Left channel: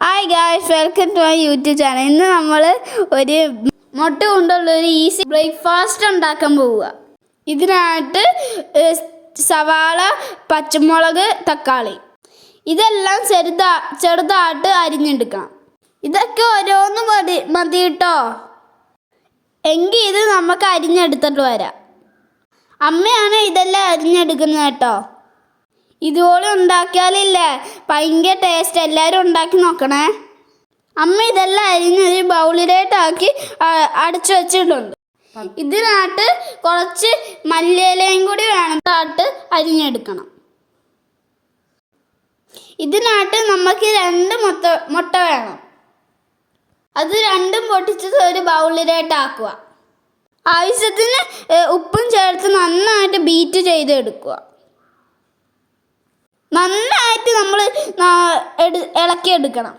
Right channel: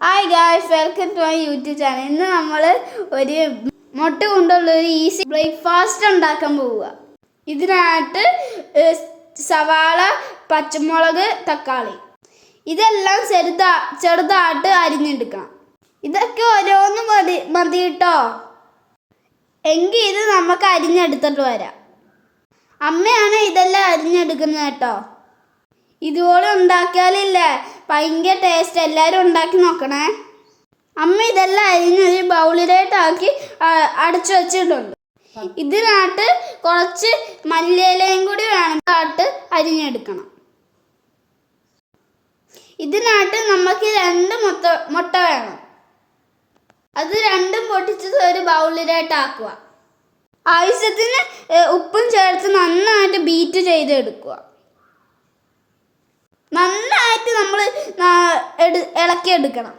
Hi guys welcome to my YouTube channel ഇന്ന് നമ്മൾ ഒരു മുട്ട കൊണ്ടുള്ള ഒരു ഈസി ബ്രേക്ക്ഫാസ്റ്റ് ഉണ്ടാക്കാൻ പോവുക. ഇതിനായിട്ട് സവാള പച്ചമുളക് തക്കാളി. ഇതെല്ലാം ചെറുതാ ചെറുതായിട്ട് അരിഞ്ഞെടുക്കണം. ഇതൊക്കെ ഓരോന്ന് മതി മതി കേട്ടോ എങ്കിൽ ഇത് നമുക്ക് അരിഞ്ഞെടുത്തിട്ട് വരാം. അമ്മയാണ് ഇതെല്ലാം അരിഞ്ഞെടുക്കുന്നത് കേട്ടോ. ഇതുപോലെ ഉണ്ടാക്കിയാലില്ലേ. ഭയങ്കര ടേസ്റ്റ് എല്ലാവരും ഉണ്ടാക്കി നോക്കണേ. അമ്മ ഇതെല്ലാം അരിഞ്ഞ് ഒരു ബൗളിലേട്ടാക്കി അടച്ചു വെച്ചിട്ടുണ്ട് ഇതിനകത്ത് കുറച്ച് മല്ലിയിലയും കൂടി വേണം ആട്ട് അരിഞ്ഞെടുക്കണം. ഇതിനകത്ത് നമുക്ക് രണ്ട് മുട്ട മുട്ട വേണം. അത് രണ്ടും പൊട്ടിച്ചത് ഒരു ബൗളിലായിട്ട് ആക്കുക ആവശ്യത്തിന് ഉപ്പും ചേർത്ത് നന്നായിട്ട് ബീറ്റ് ചെയ്തെടുക്കുക. നന്നായിട്ട് നമ്മൾ ഇളക്കിയെടുക്കണം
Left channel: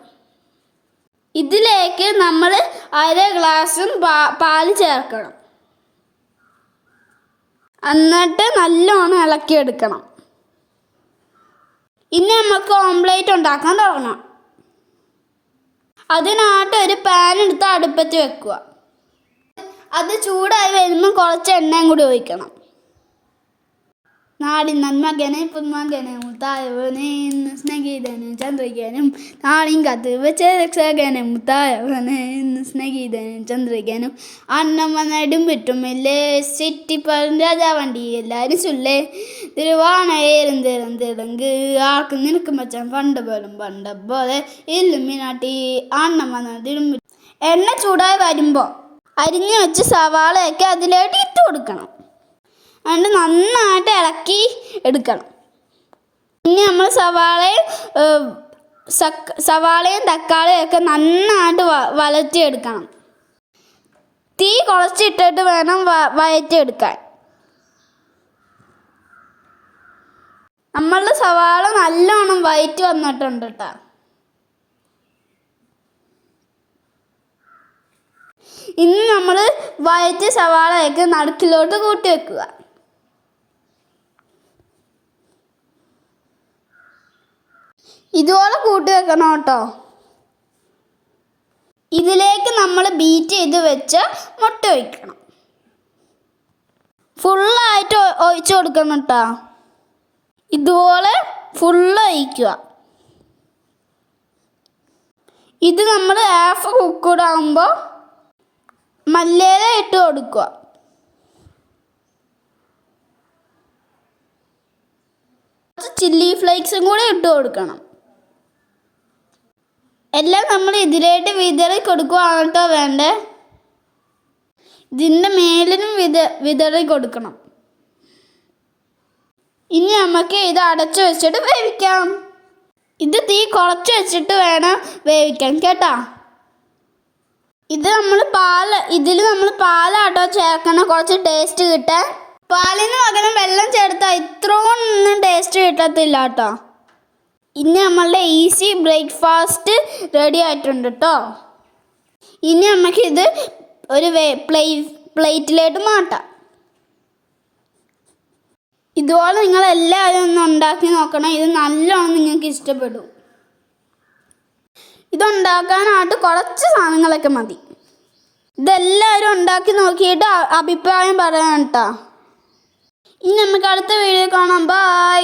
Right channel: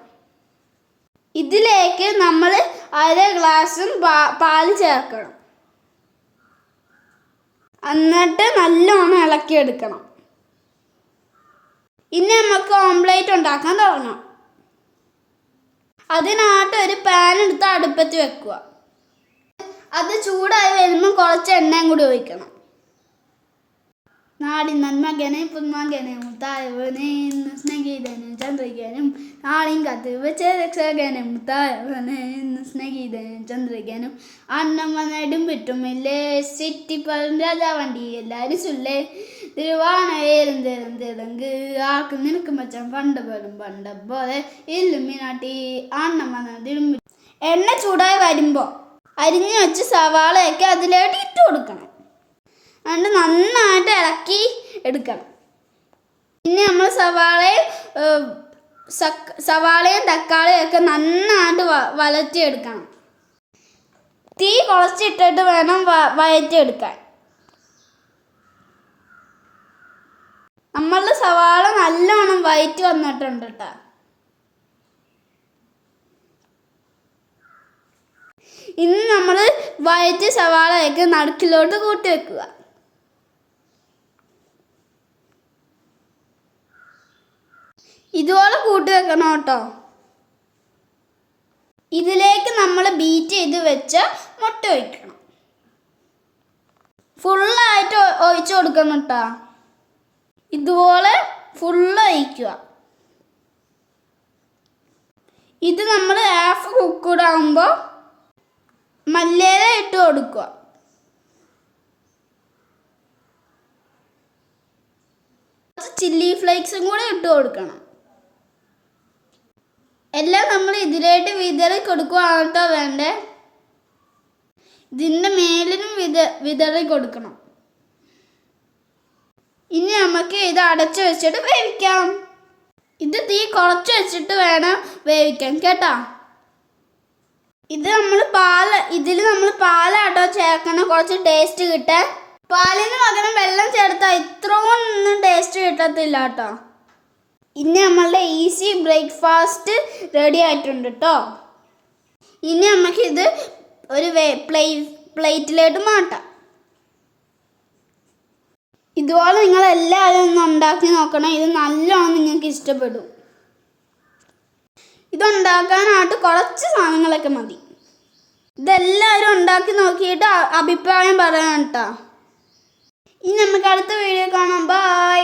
ഇതിലേക്ക് നമ്മൾ അര ഗ്ലാസും പാൽ ചേർക്കണം. എന്നിട്ട് നല്ലോണം ഇളക്കിയെടുക്കണം ഇനി നമുക്ക് ഓംലേറ്റ് ഉണ്ടാക്കാൻ തുടങ്ങാം. അതിനായിട്ട് ഒരു പാൻ എടുത്ത് അടുപ്പത്ത് വെക്കുക. അത് ചൂടായി വരുമ്പോൾ കുറച്ച് എണ്ണയും കൂടി ഒഴിക്കണം. നാടിൻ നന്മകനെ പുന്മകനെ മുത്തായവനെ ഇന്ന് സ്നേഹിതനും ചന്ദ്രികനും നാടിൻ കത്ത് വെച്ച രക്ഷകനും മുത്തായവനെ എന്ന് സ്നേഹിതനും ചന്ദ്രികനും. അന്നമ്മ നടും വിട്ടുമില്ലേ സിറ്റിപ്പൻ രാജാവണ്ടി എല്ലാവരും ചൊല്ലേ? തിരുവാണയേരും തിരം തിടങ്ക് ആർക്ക് നിനക്ക് മച്ചം പണ്ട് പോലും പണ്ട പോലെ ഇല്ലുമിനാട്ടി അന്നമ്മ നടും എണ്ണ ചൂടായി വരുമ്പോൾ അരിഞ്ഞു വെച്ച് സവാളയൊക്കെ അതിലോട്ട് ഇട്ട് കൊടുക്കണം. അതുകൊണ്ട് നന്നായിട്ട് ഇളക്കി എടുക്കണം. പിന്നെ നമ്മൾ സവാളയും സവാളയും തക്കാളിയും ഒക്കെ നന്നായിട്ട് വലറ്റിയെടുക്കണം തീ കുറച്ചിട്ടിട്ട് വേണം വഴറ്റിയെടുക്കാൻ. നമ്മളുടെ സവാള നല്ലോണം വയറ്റി വന്നിട്ടുണ്ട് കേട്ടോ. ഇനി നമ്മൾ വയറ്റ് സവാളയൊക്കെ നടുക്കിലോട്ട് കൂട്ടി വെക്കുക. ഇതുപോലെ കൂട്ടി വെക്കണം കേട്ടോ. ഇതിലേക്ക് നമ്മൾ ബീറ്റ് ചെയ്ത് വെച്ച് മുട്ട ഒഴിക്കണം. ഫുള്ളായിട്ട് ഒഴിച്ച് കൊടുക്കണം കേട്ടോ. ഇതുപോലെ ഫുള്ള് ഒഴിക്കുക. ഇത് നമ്മൾ ഹാഫ് കുക്കൂടാകുമ്പോൾ മല്ലിയില ഇട്ട് കൊടുക്കുക. ചില്ലി ഫ്ലേക്സും കൂടെ ഇട്ട് കൊടുക്കണം. എല്ലാം നമ്മൾ ഇതിലായിട്ട് വിതറി കൊടുക്കുകയാണ് വേണ്ടേ? ഇതിന്റെ മേലിനും വിത വിതറി കൊടുക്കണം. ഇനി നമുക്ക് ഇത് അടച്ചു വെച്ചിട്ട് വേവിക്കാം. ഇത് തീ കുറച്ച് വെച്ചിട്ട് വേണം വേവിക്കാൻ കേട്ടോ? ഇത് നമ്മൾ പാൽ ഇതിൽ നമ്മൾ പാലാട്ടോ ചേർക്കണം കുറച്ച് ടേസ്റ്റ് കിട്ടാൻ. പാലിന് പകരം വെള്ളം ചേർത്താൽ ഇത്രയും ഒന്നും ടേസ്റ്റ് കിട്ടത്തില്ല കേട്ടോ ഇനി നമ്മളുടെ ഈസി ബ്രേക്ക്ഫാസ്റ്റ് റെഡി ആയിട്ടുണ്ട് കേട്ടോ ഇനി നമുക്കിത് ഒരു പ്ലേ പ്ലേറ്റിലോട്ട് മാറ്റാം. ഇതുപോലെ നിങ്ങൾ എല്ലാവരും ഒന്ന് ഉണ്ടാക്കി നോക്കണം. ഇത് നല്ലോണം നിങ്ങൾക്ക് ഇഷ്ടപ്പെടും. ഇതുണ്ടാക്കാനായിട്ട് കുറച്ച് സാധനങ്ങളൊക്കെ മതി. ഇതെല്ലാവരും ഉണ്ടാക്കി നോക്കിയിട്ട് അഭിപ്രായം പറയണം കേട്ടോ ഇനി നമുക്ക് അടുത്ത വീഡിയോ കാണാം. Bye